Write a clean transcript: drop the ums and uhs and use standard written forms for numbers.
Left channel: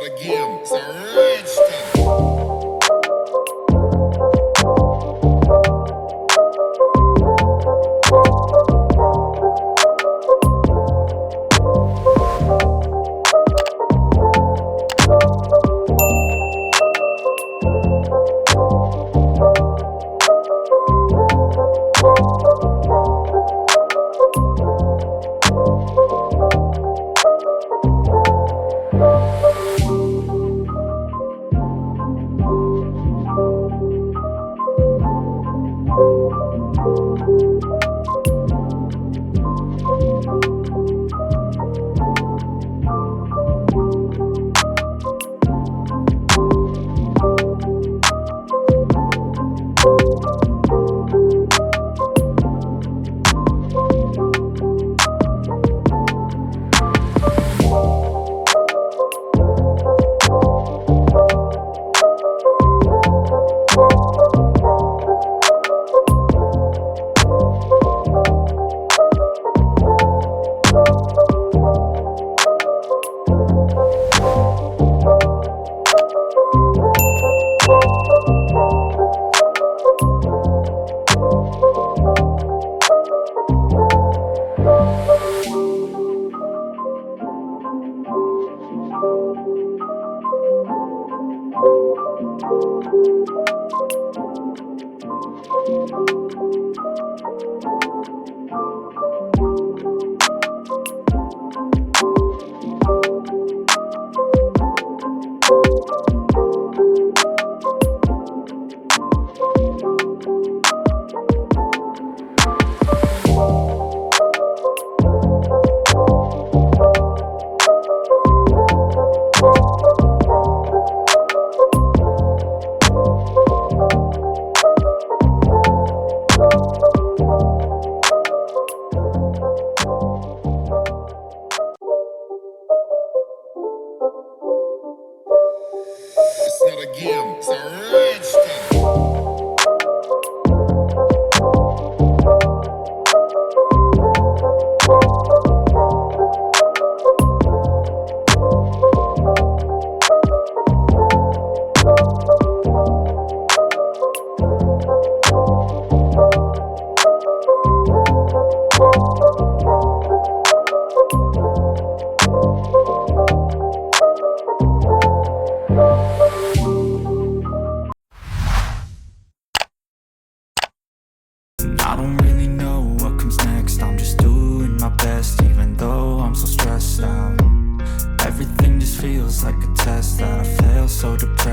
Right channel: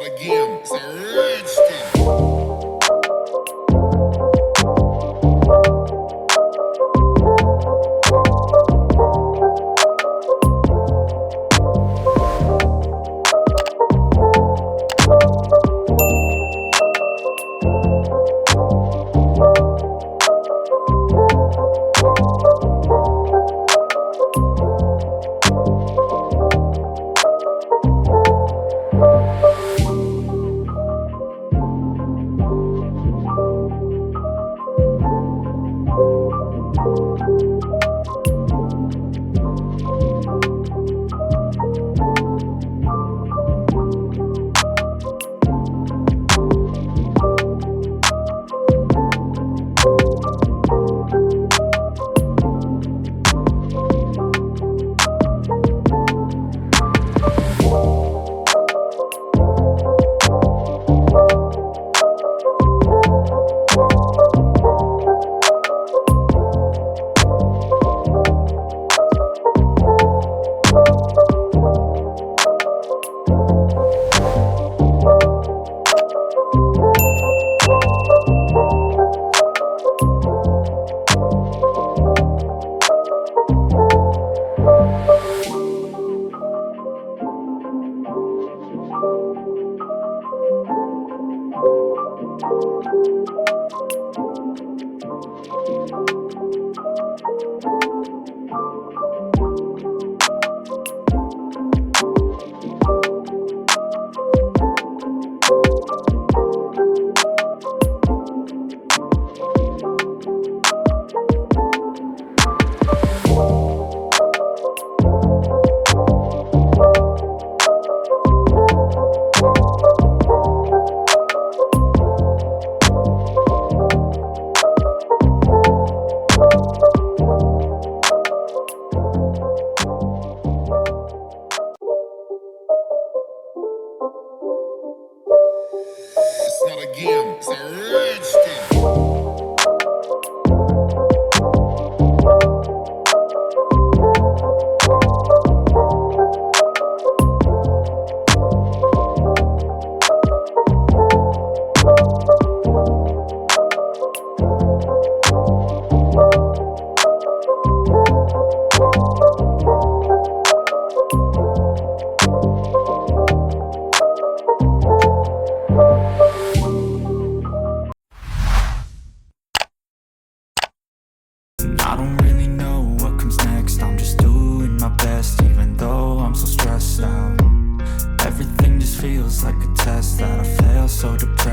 not a game, it's a rich thing. It's not a game, it's a rich thing. I don't really know what comes next. I'm just doing my best, even though I'm so stressed out. Everything just feels like a test that I fail so depressed.